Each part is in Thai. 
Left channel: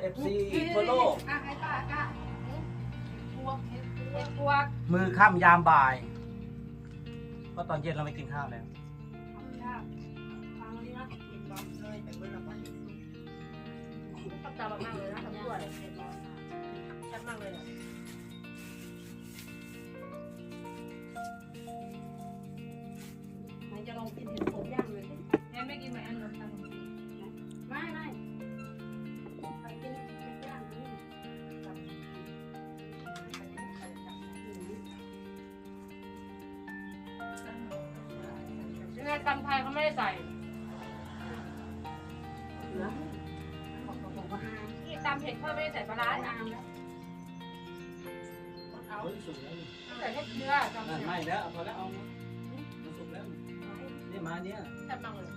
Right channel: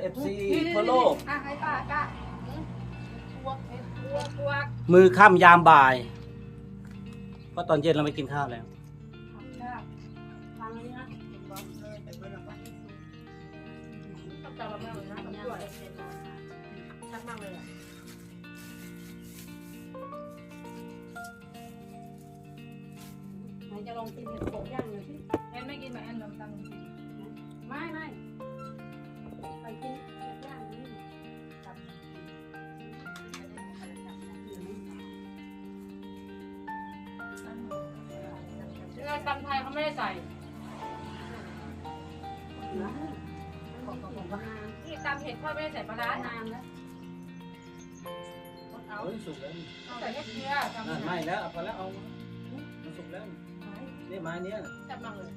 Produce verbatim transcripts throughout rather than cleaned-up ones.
ฟ ซี ทั่วโลกอ่ะให้ป้าก้าพวกเห็ดพวกพวกมือค่ำยามบ่ายเพราะตอนเย็นเราไม่กินข้าวแล้วฟังนี่นะเห็นบอกเลยไปเบอร์ละวันชอบตาแบบมากเลยนะผมด้วยชอบมากเลยอ่ะไหนจะลองกินเห็ดโขงย่างเลยสิแอนไม่กินแบบแอนแบบตำไม่ไม่ไปกินเห็ดย่างนี่ยังไงตำไทยเขาไม่ได้ใส่เหลือนี่ตำเห็ดเขาไม่ได้ใส่ปลาร้าตามแล้วเอาเฮ้ยสุกแล้วใส่แค่เกลือตำอ่ะเห็ดไม่แล้วเอาพอแล้วเอามันสุกแล้วนี่ไม้เนี้ยแซ่บมากเลย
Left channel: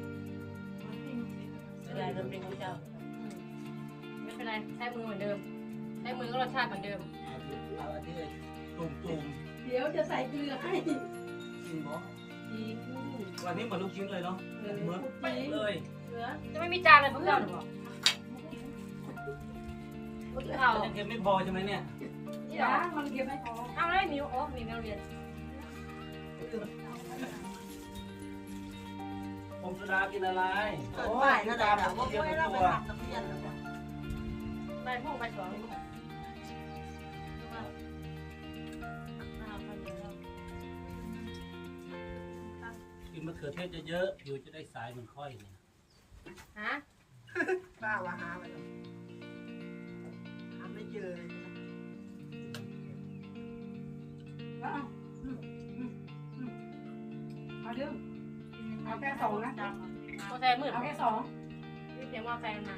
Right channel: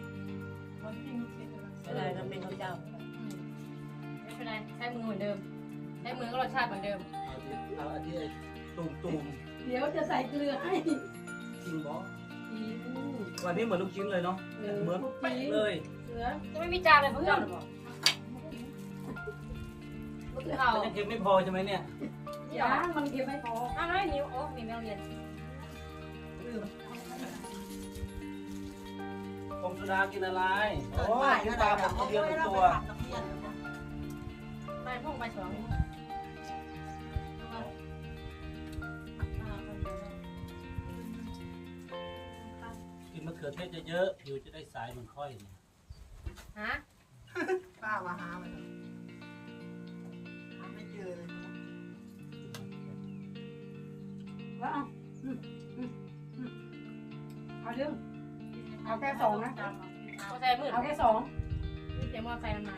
อะไรมันเป็นข้าวเจ้าไม่เป็นไรใช้มือเหมือนเดิมใช้มือก็รสชาติเหมือนเดิมเอาที่เอาอันที่ตุ่มตุ่มเดี๋ยวจะใส่เกลือให้ๆกินบอสอีกวันนี้เหมือนลูกชิ้นเลยเนาะเหมือนเป๊ะเลยเกลือจะไม่มีจานเลยพวกเจ้าหรอบอกพวกเขาแต่ยังเค็มไม่พอใช่ไหมเนี่ยที่หรอยังมันเก็บไม่พออ้าวไม่นิ้วโอ้มีแมวเรียนพงสุดากินอะไรเกิดใหม่เท่าไหร่แบบว่าเดียวไม่ตัเราวไปทำตะเพียนหรือเปล่าใบพวกใบสองกินมะเขือเทศเยอะๆผิวจะได้ใสเหมือนค่อยเนี่ยฮะป้าว่าหาไปแล้วหาไม่เจอเลยนะแล้วเอาเอาเรื่องเอาแค่สองนะมอไซค์มืดเอาแค่สองเสียงมอไซค์มันมา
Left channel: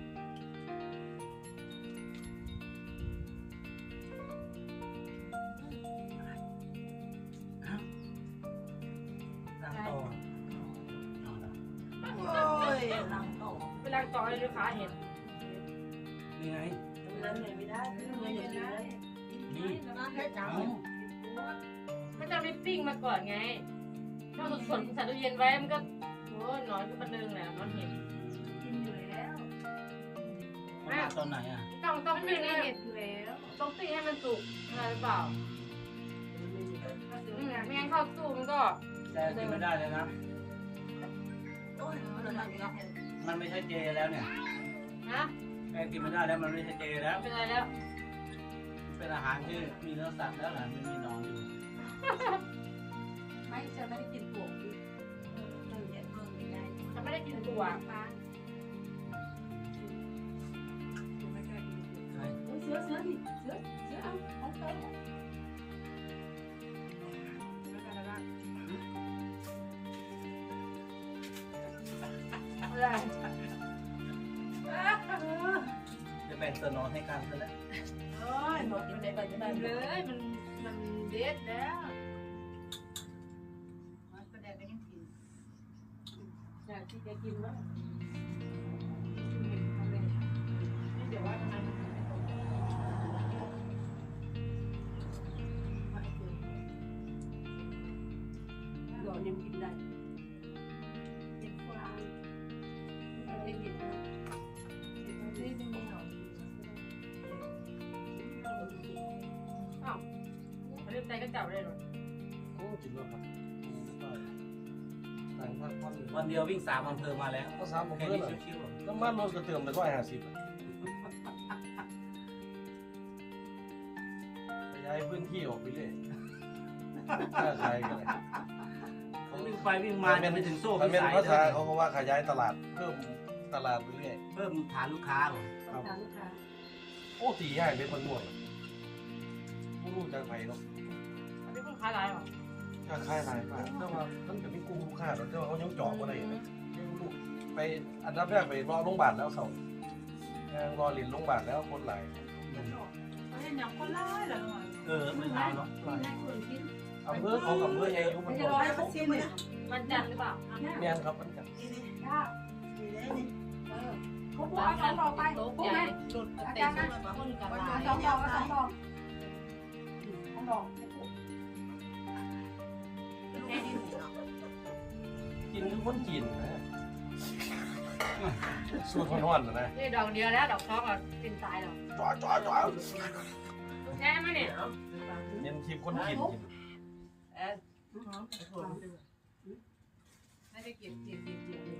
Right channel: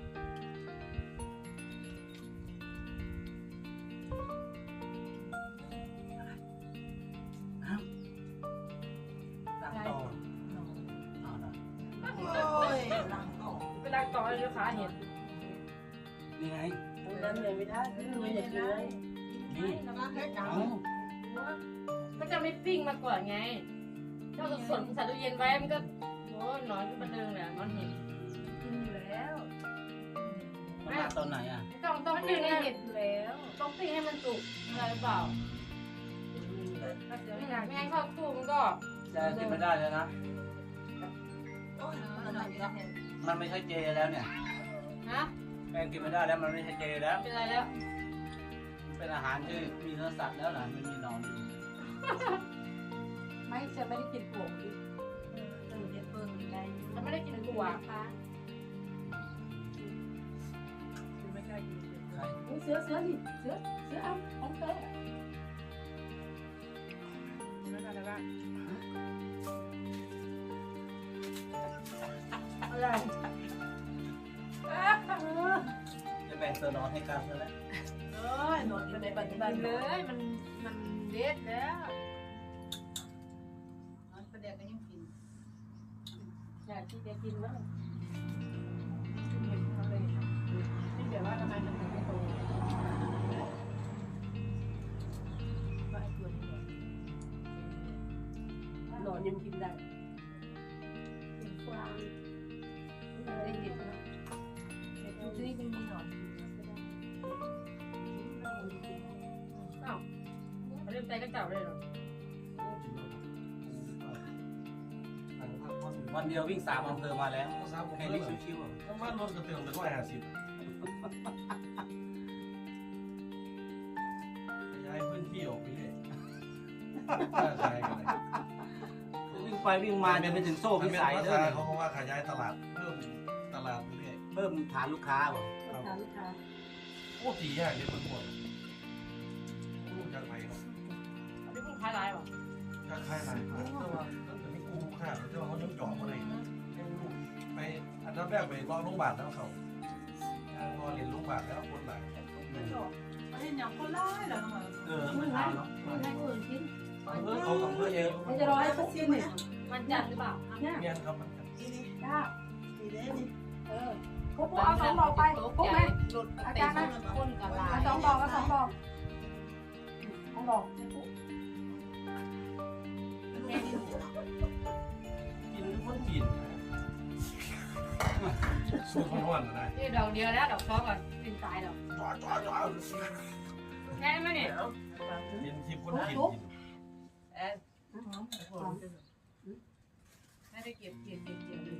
ตั้งโตเอาละโอ้ยลังต่อเวลาต่อเลยลูกค้าเห็นนี่ไงตรงนั้นเลยไม่ได้ไม่ได้อย่างนี้นี่นั่นเฮ็ดจังเอาเขาจะไม่ปิ้งมาก่อนไงถ้าสดๆใส่ตู้เย็นไว้มันก็โอ้ยหน่อยก็บันเทิงแหละมันเห็นกินอยู่แล้วเอามาตอนไหนอ่ะต้องต้องปิ้งให้เห็ดอยู่แล้วต้องปิ้งให้มันสุกอะไรหรือเปล่าไม่งั้นเข้าตู้มันก็แต่กินไม่ได้เลยนะโอ้ยมันอะไรกันมันไม่ใช่เจแล้วเนี่ยนะแป้งกินไม่ได้แล้วมันไม่ใช่เจแล้วเป็นไรแล้วเป็นอาหารที่มีเนื้อสัตว์แล้วนะไม่มีหนอนอยู่ไม่จะไม่ได้กินถั่วอีกเฮ็ดเพิ่งได้ฉันไม่ได้กินถั่วใครเสือเสือดิเสือเสือเอาเอาเสืออะไรจะแบ่งตัวนอนให้กันซะแล้วเอ้ยหมดอยู่ในปัจจุบันเลเลยยมันมันเด็ดแล้วประเดี๋ยวก็ยังกินอยากกินอยากกินแล้วนี่เดี๋ยวว่าทำไมมันถึงไม่โตว่าไอ้ตัวนี้หนอนยังกินได้กินฟางได้กินนะนี่เป็นมีหนอนอ้าวเขาเล่นใจก็เจ้าได้หรอวันเดียววิ่งสามอำเภอมาแล้วก็สามแค่เพื่อนี้นชิวน้ำมันรถกระเตือมไปร้อยห้าสิบขยายพื้นที่ออกไปเลยน่าใช้กันเลยๆวิ่งไปวิ่งมาจะไปถึงโซ่มันพิเป็นสัยภาเลษาย เขาเขาว่าขยายตลาดเพิ่มตลาดไปเรื่อยเพิ่มฐานลูกค้าเหรอต้องถามลูกค้าโอ้ตีง่ายเลยมันม่วนโอ้จะไปเนาะอันนี้เพิ่งขายอะไรหรอจะค่ายไหนครับแต่ว่ามันจะมีกูค่าแล้วแต่ว่าเขายังเจาะมาเลยไปอันดับแรกไปรอโรงพยาบาลแล้วเขารอเรียนโรงพยาบาลแล้วคนหลายเห็นอย่างคนร้ายเหรอเออเมื่อเช้าเนาะกินให้คนกินอำเภอเขากับอำเภอเยอะเขาจะรอให้เขากินเนี่ยมันจัดหรือเปล่าเนี่ยแม่นครับจ้าดีเลยนี่เออพวกเอาสองดอกไปพวกแม่หลุดอาจารย์นะคนกับลาเอายสองดอกเอาสองดอกสองดอกแค่นี้กินคนจีนสูตรนวลๆเลยนี่ดอกเดียวแล้วดอกสองอ่ะเป็นตายหรอกจ่อจ่อจ่อแค่ไหมเนี่ยเย็นคลิปคนกินกินแอนไอ้คนให้ไปเก็บเก็บเก็บเก็บเลย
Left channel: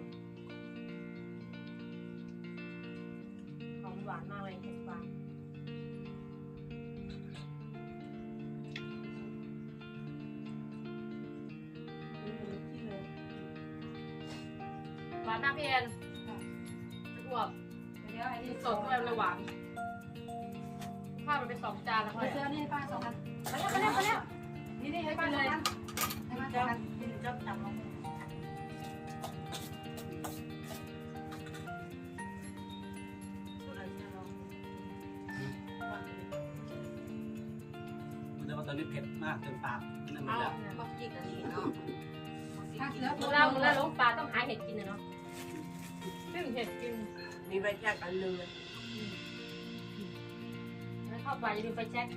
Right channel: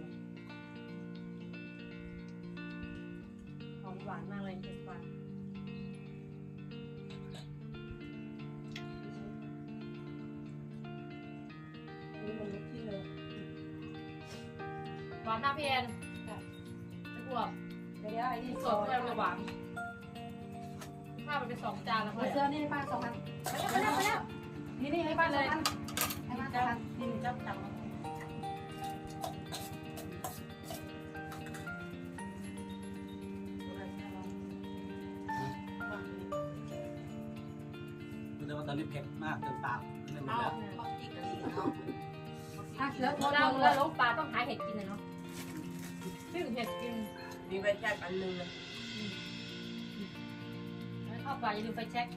ของหวานมากเลยเก็บฟังหวานมากพี่แอนไม่อ้วกเดี๋ยวไอ้นี่สดด้วยเลยหวานข้าวมันเป็นสองจานแล้วเอาเลยเสื้อนี่ให้ป้าสองพันมาแล้วมาแล้วมาแล้วนี่นี่ให้ป้าสองพันให้ป้าสองพันกินก็ตับมาแต่ว่าตอนนี้เผ็ดมากจนปากนั่นหมดเอาแล้วบักจิกอันนี้เนาะถ้าเสื้อเวลาเวลาลงปลาต้องหาเห็ดกินนะเนาะซึ่งเห็ดกินมีใบแจกอันนึงแล้วเข้าป่าอย่าลืมไฟแช็ก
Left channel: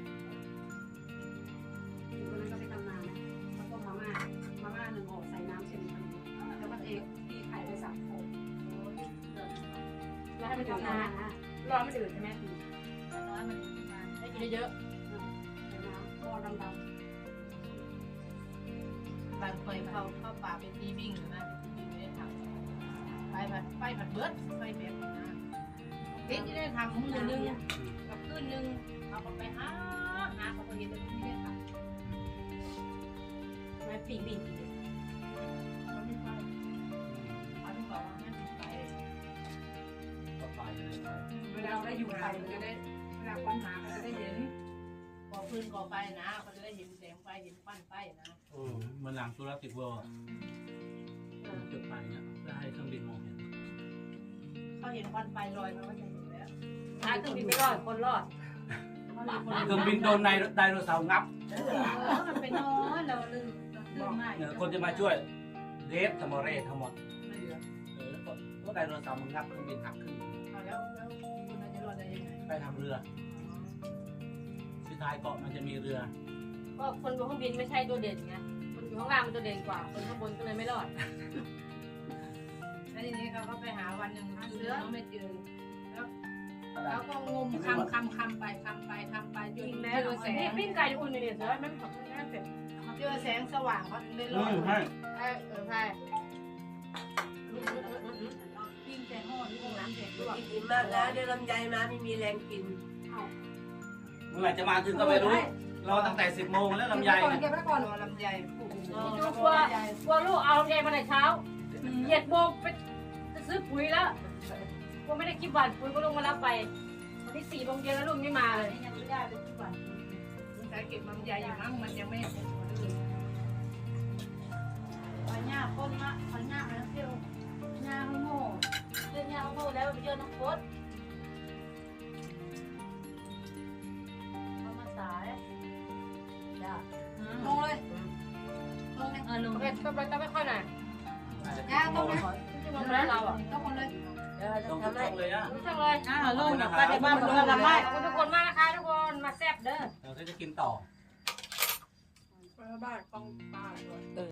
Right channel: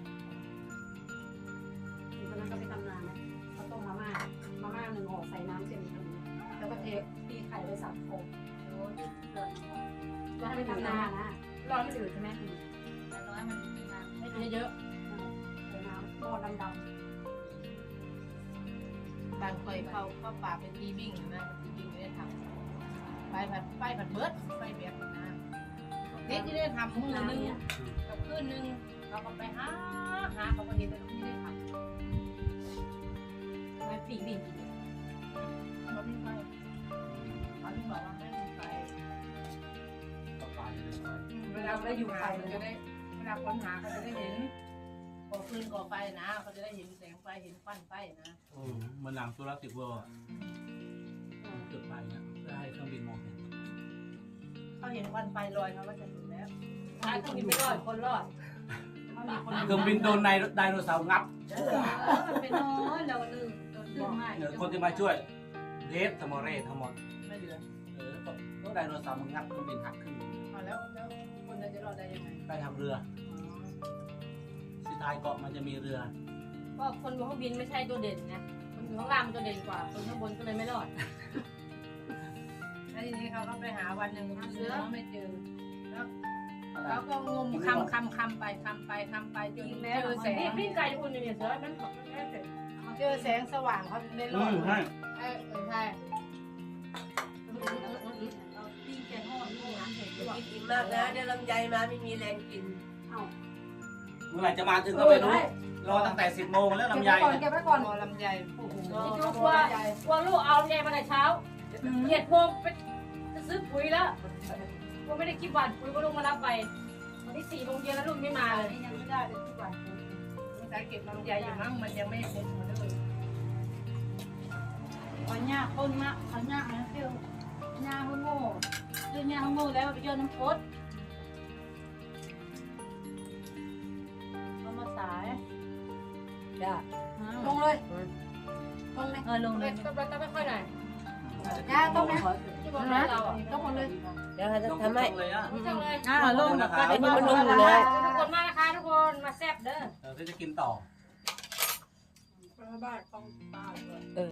ตอนนั้นก็ไปทำงานนะเขาต้มมาม่ามาม่าหนึ่งห่อใส่น้ำเส้นทำแล้วก็เทตีไข่ไปสับโคร้อนให้ไม่มันถึงทำนะน้ำนะร้อนไม่ถึงใช่ไหมน้อยมันให้กินเยอะใส่น้ำหม้อดำบางเคยเข้าเข้าป่าเป็นบีบิ้งนะบีบิ้งไม่ได้ทำไปผัดไปผัดเบิร์ดไปแบบนะเด็กที่ได้ทำมือนึงกับคืนนึงเราก็ไปหาหาเขาก็เห็นแต่ที่ได้ทำๆไม่ปีกบิ่งกินเขาไม่ไปเขาที่บอกว่าแม่ไปก็ไปเลยครับเวลาได้อยู่ไปเราจะได้เวลาค้นหาเขาจะได้เห็นก่อคืนก่อไฟนะเขาจะได้เห็นแสงไฟเห็นควันไฟนะอืมเหมือนหลังจุลศิลป์เวิลด์อะจุดไฟเนี่ยเพื่อให้เครื่องบินมองเห็นเขาเห็นควันไฟลอยเขาก็จะเห็นแล้วถ้าเครื่องบินไม่รอดคนรอดเครื่องบินโดนไดไดโนเสาร์งับเออมันเป็นน้อยเราลืมลืมมากเนี่ยคนที่มาช่วยเรสทมอเรสทั้งหมดไม่เหลือเออก็ก็ไดโนเสาร์มันงับเครื่องบินหักครึ่งเอาแล้วแล้วคุณจะรอดได้ยังไงไปทางเรือสุดท้ายเกาะมันจะมีเรือก็คนบนเครื่องบินไม่ใช่ตัวเด่นไงคนอยู่ข้างล่างมันตัวเด่นกว่า คนข้างบนก็เลยไม่รอดแล้วทีนี้เขาก็ไปหาวันหนึ่งเสือไม่เจอ แล้วอะไรแล้วก็งมคำคำคำไปคำไปคำไปจนยิงเจแล้วอแสงนี่ปิ้งไก่ที่อุ่นอยู่เนี่ยเสือมันขอบคุณแม่เสร็จเจอแสงสว่างเขาถึงได้รอือดมใช่ใช่เออใช่เราปิ้งแต่ห่อนี่น้ำเผ็ดด้วยกินอิ่มมากแล้วได้ลำไยมาไม่มีแรงกินเมื่อไหร่จะมาถึงก็ไม่รู้ รอตั้งแต่สิบโมงแล้วลำไยเก็บเนี่ยไว้ก่อนรอลำไยโอ้โหดูกลัวกลัวลูกเอาเองมาแต่เช้าเจ็ดโมงไปจะซื้อปุ๋ยแล้วก็ไม่ได้คิดหวานปุ๋ยก็ลงมารับไปวันที่สี่โมงเย็นแล้วลูกไม่มาเลยยังไม่ได้เลยทุกวันสงสัยเก็บลำไยอยู่มั้งมันยังไม่เสร็จหมดเลยคนเนี้ยคนเนี้ยคนเนี้ยอันนั้นเปรี้ยวเนี้ยโง่คือเนี้ยโง่แล้วไปโยนน้ำกรดเอามาสายลงเลยลงเลยเออลงโอเลเคยต้องไปต้องไปค่อยหน่อยอาจจะย่าสิบโมต้องงไปนะที่มองร้านเราอ่ะต้องหมดเลยเดี๋ยวเขาจะลงทุกทำให้ช่องเลยอ่ะไม่ต้องเลยอ่าลงนะครับไปบ้านเพื่อนละขไม่อบคุณทุกคนมากนะคะทุกคนมาแซ่บเด้อเออถ้าจะกินต่อบ้านของป้าเลย